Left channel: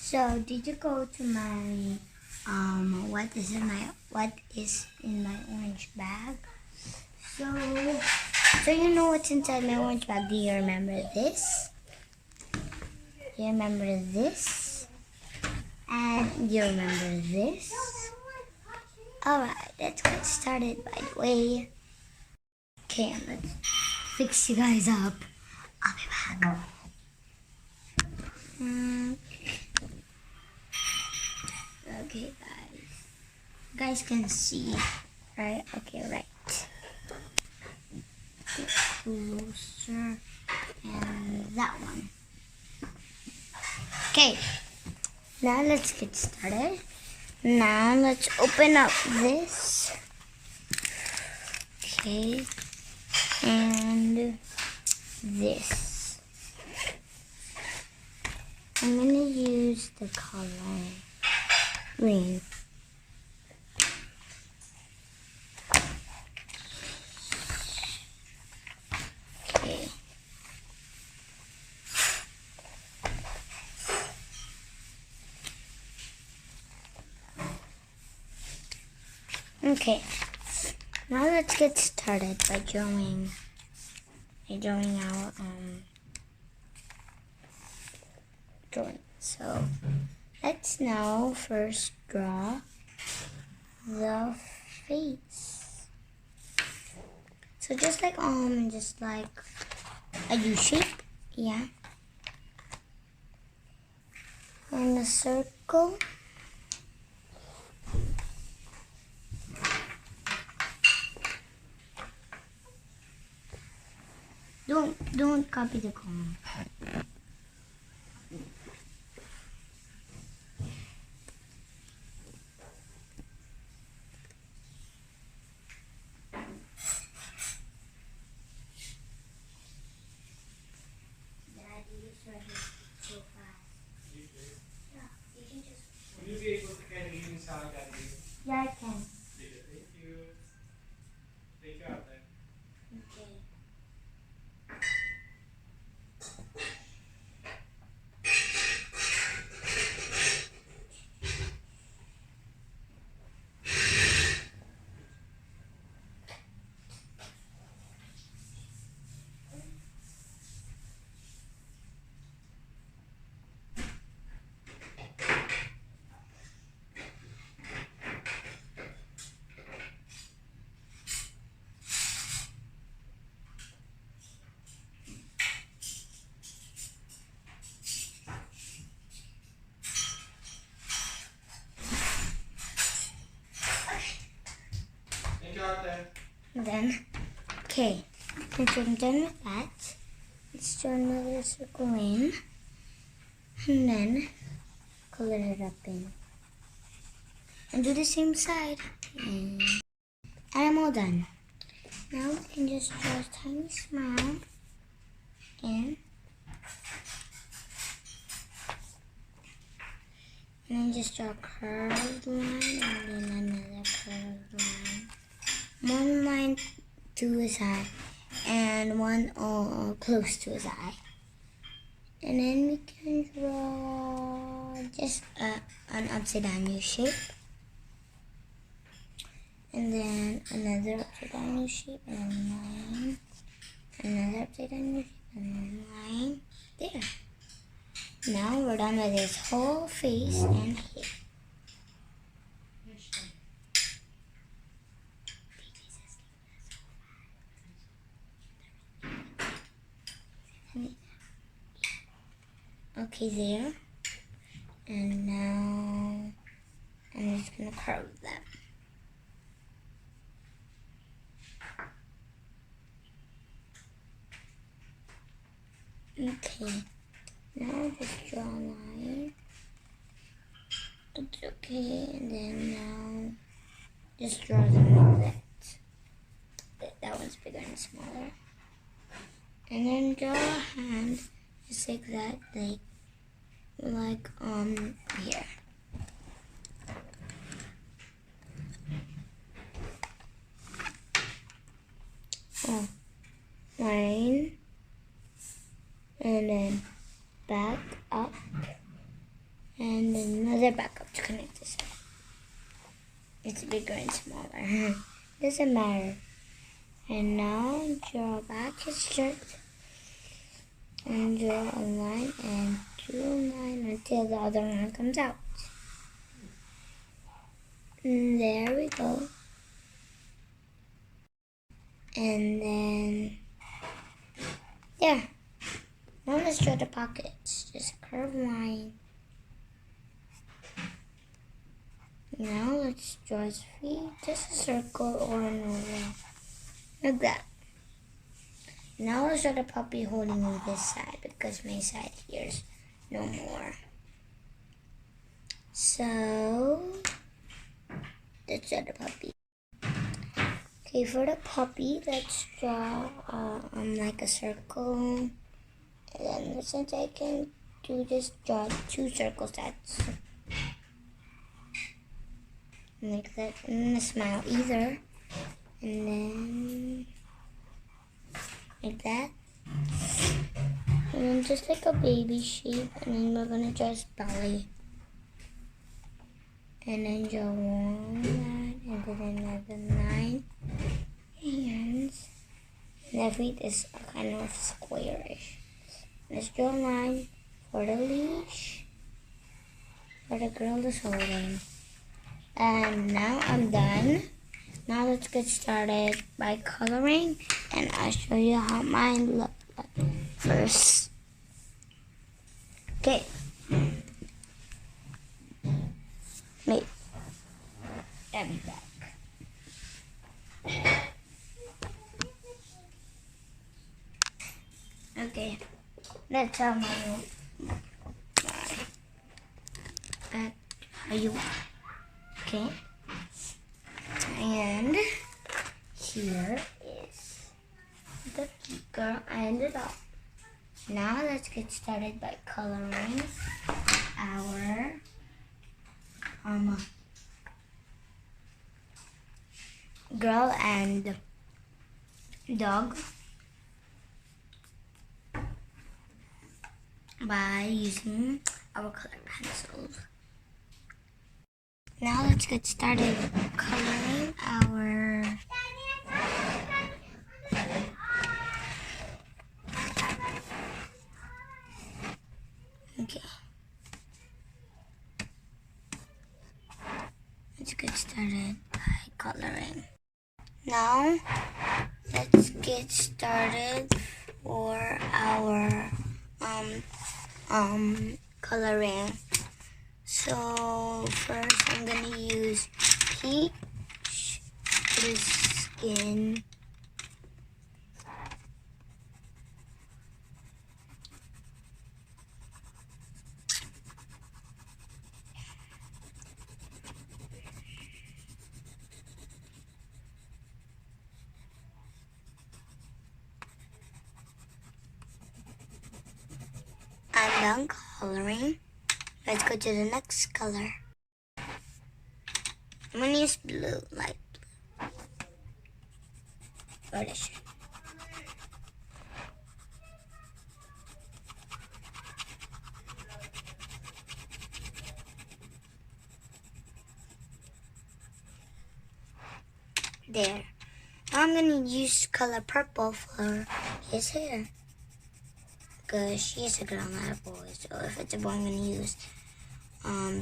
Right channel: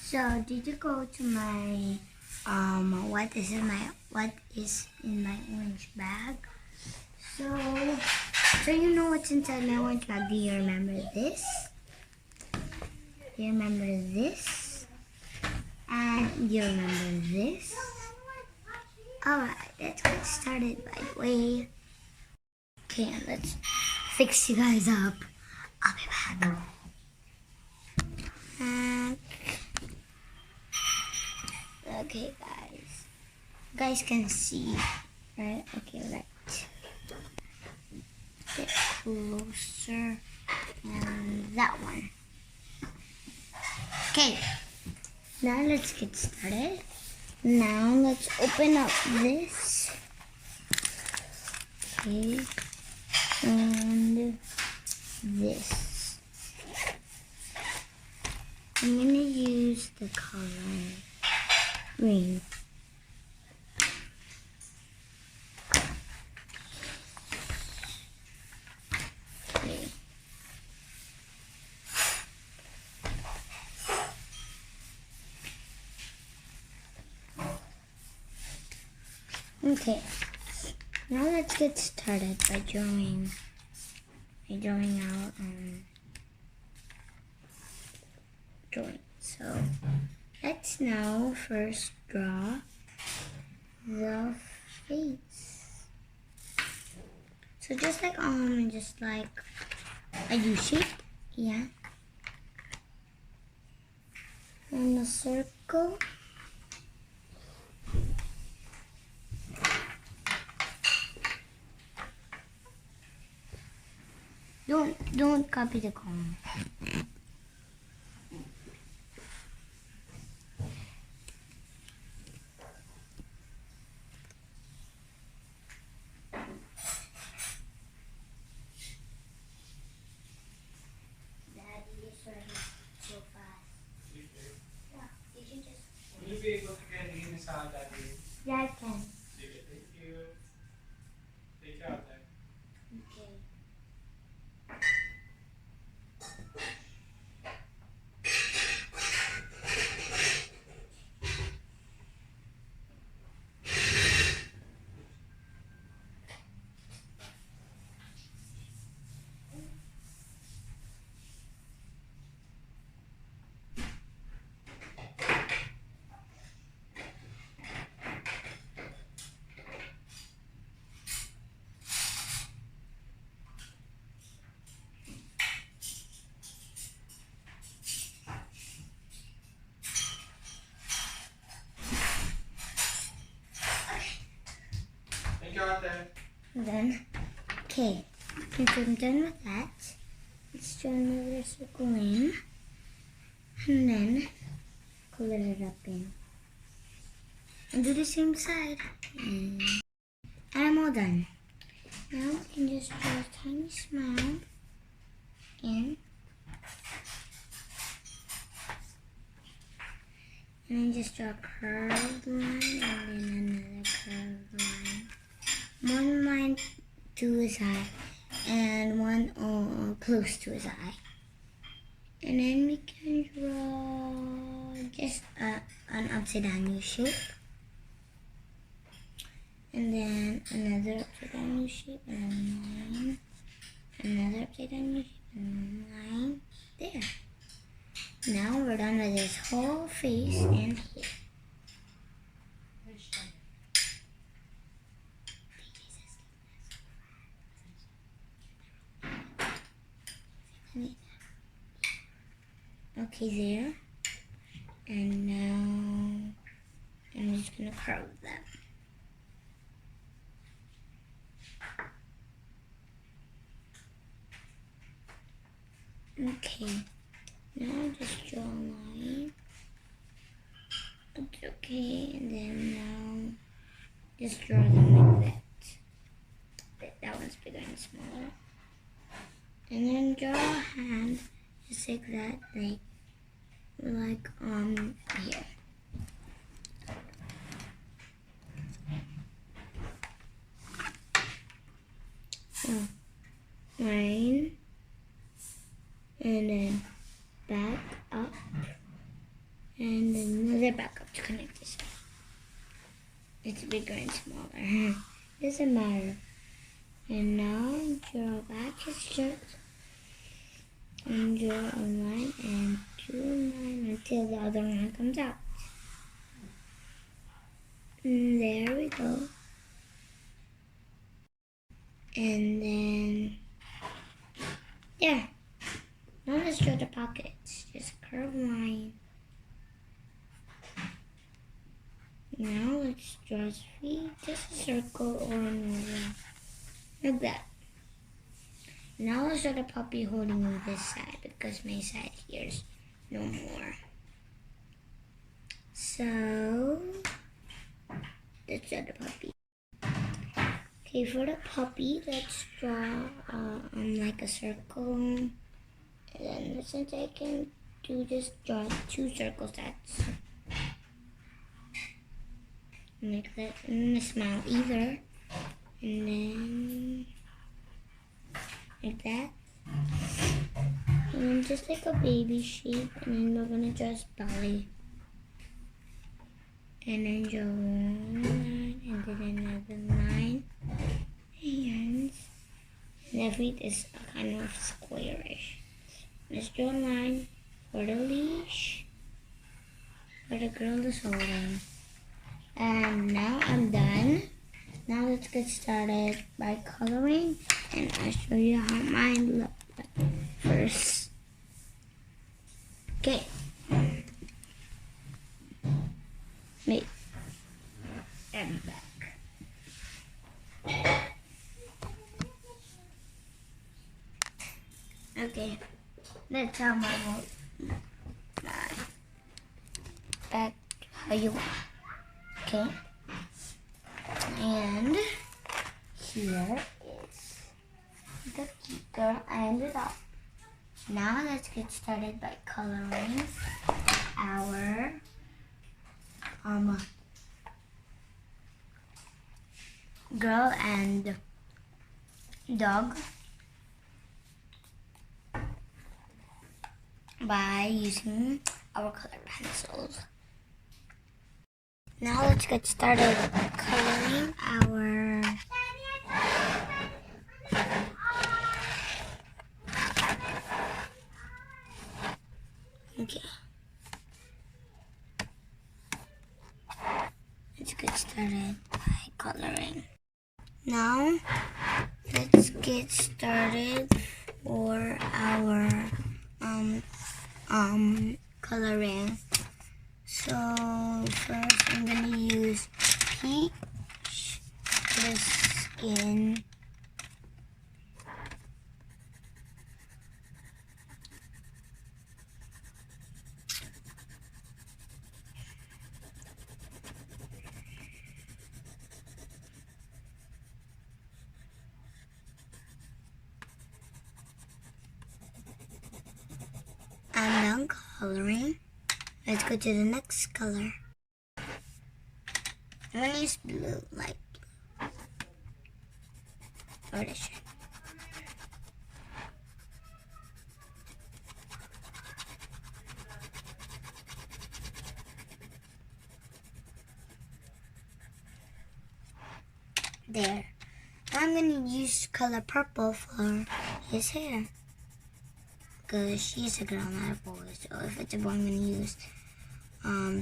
So did you go to my what is in my orange bag? So you know what's inside my orange bag? Do you remember this? Do you remember this? And do you remember this? Alright, let's get started by the way. Okay, let's fix you guys up. I'll be back. Okay, guys. You guys can see, right? Okay, right. Get closer. And that one. Okay. Now let's get started. Now let's open up this. Okay. And this. I'm going to use the color green. Okay. Okay. Now let's get started by drawing out drawing. So let's now first draw the face. So just like a U shape, yeah. And a circle. Don't copy the comb. Yeah, I can. Thank you. Take care. Thank you, Ate. And then, okay, since I'm done with that, let's draw another circle in, and then color it up in. And do the same side. And I'm all done. Now we can just draw a tiny smile in. And then just draw a curved line and then another curved line. One line to his eye and one close to his eye. And then we can draw just an upside down U shape. And then another upside down U shape and a line. Another upside down U shape and a line. There. Now we're done with his whole face and here. Okay, there. And now I'm just gonna curve that. Okay, now just draw a line. It's okay, and then now just draw them like that. That one's bigger and smaller. And then draw a hand just like that, like here. Line, and then back up, and another backup to connect this. It's bigger and smaller. Doesn't matter. And now draw back his shirt and draw a line and do a line until the other line comes out. And there we go. And then there. Now let's draw the pockets. Just a curved line. Now let's draw his feet. Just a circle or an oval. Like that. Now let's draw the puppy holding on this side because my side here is no more. So let's draw the puppy. Okay, for the puppy, let's draw like a circle. And then since I can do this, draw 2 circles. That's like that. And a smile either. And then like that. And then just like a baby shape. And then we're gonna draw his belly. And then draw 1 line and then another line. Hands. And the feet is a kind of squarish. Let's draw a line for the leash. For the girl is holding. And now I'm done. Now let's get started by coloring, and I'll show you how mine look like first. Okay. Wait. I'll be back. Okay. That's how mine will look. Back how you want. Okay. And here is the girl and the dog. Now let's get started by coloring our girl and dog by using our colored pencils. Now let's get started coloring our okay. Let's get started by coloring. Now let's get started for our coloring. So first I'm gonna use peach, the skin, I'm done coloring. Let's go to the next color. I'm gonna use blue, light blue. For the shape. There. I'm gonna use color purple for his hair. Because she's a girl, not a boy. So if it's a boy, I'm gonna use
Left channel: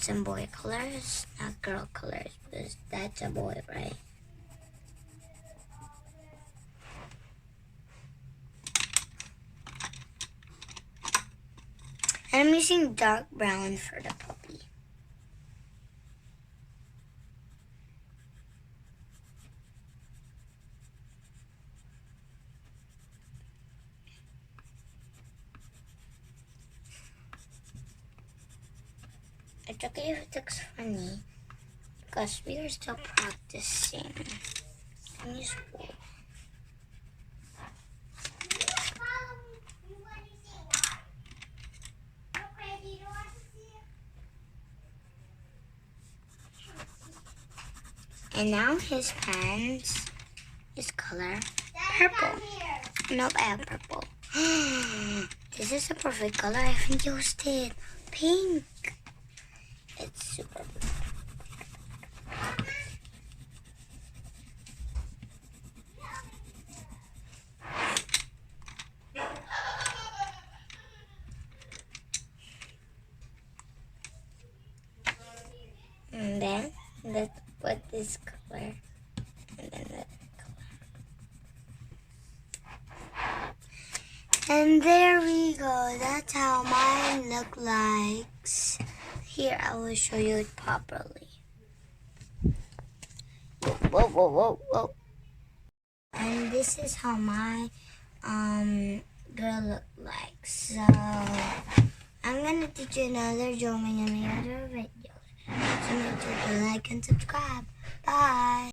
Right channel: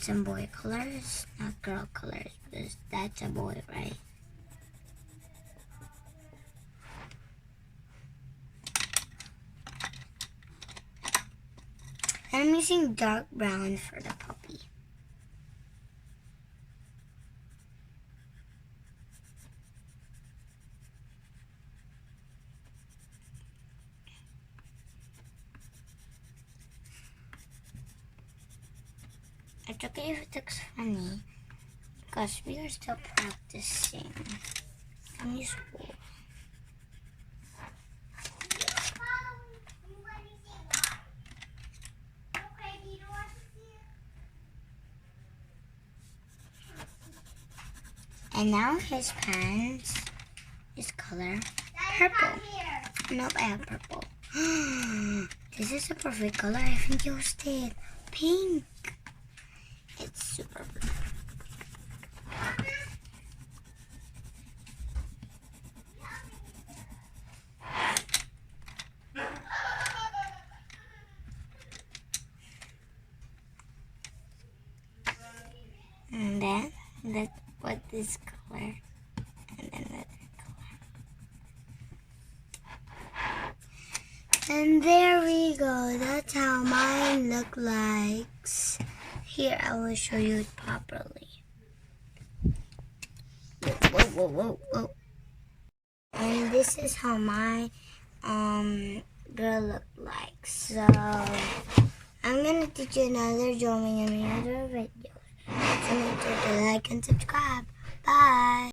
some boy colors, not girl colors, because that's a boy, right? And I'm using dark brown for the puppy. It's okay if it looks funny, because we are still practicing. Can you spool? And now his pants is color purple. Nope, I have purple. This is a perfect color. I think used it pink. And there we go. That's how mine look like. Here, I will show you it properly. Whoa, whoa, whoa, whoa. And this is how my girl look like. So I'm gonna teach you another drawing in another video. So make sure to like and subscribe. Bye.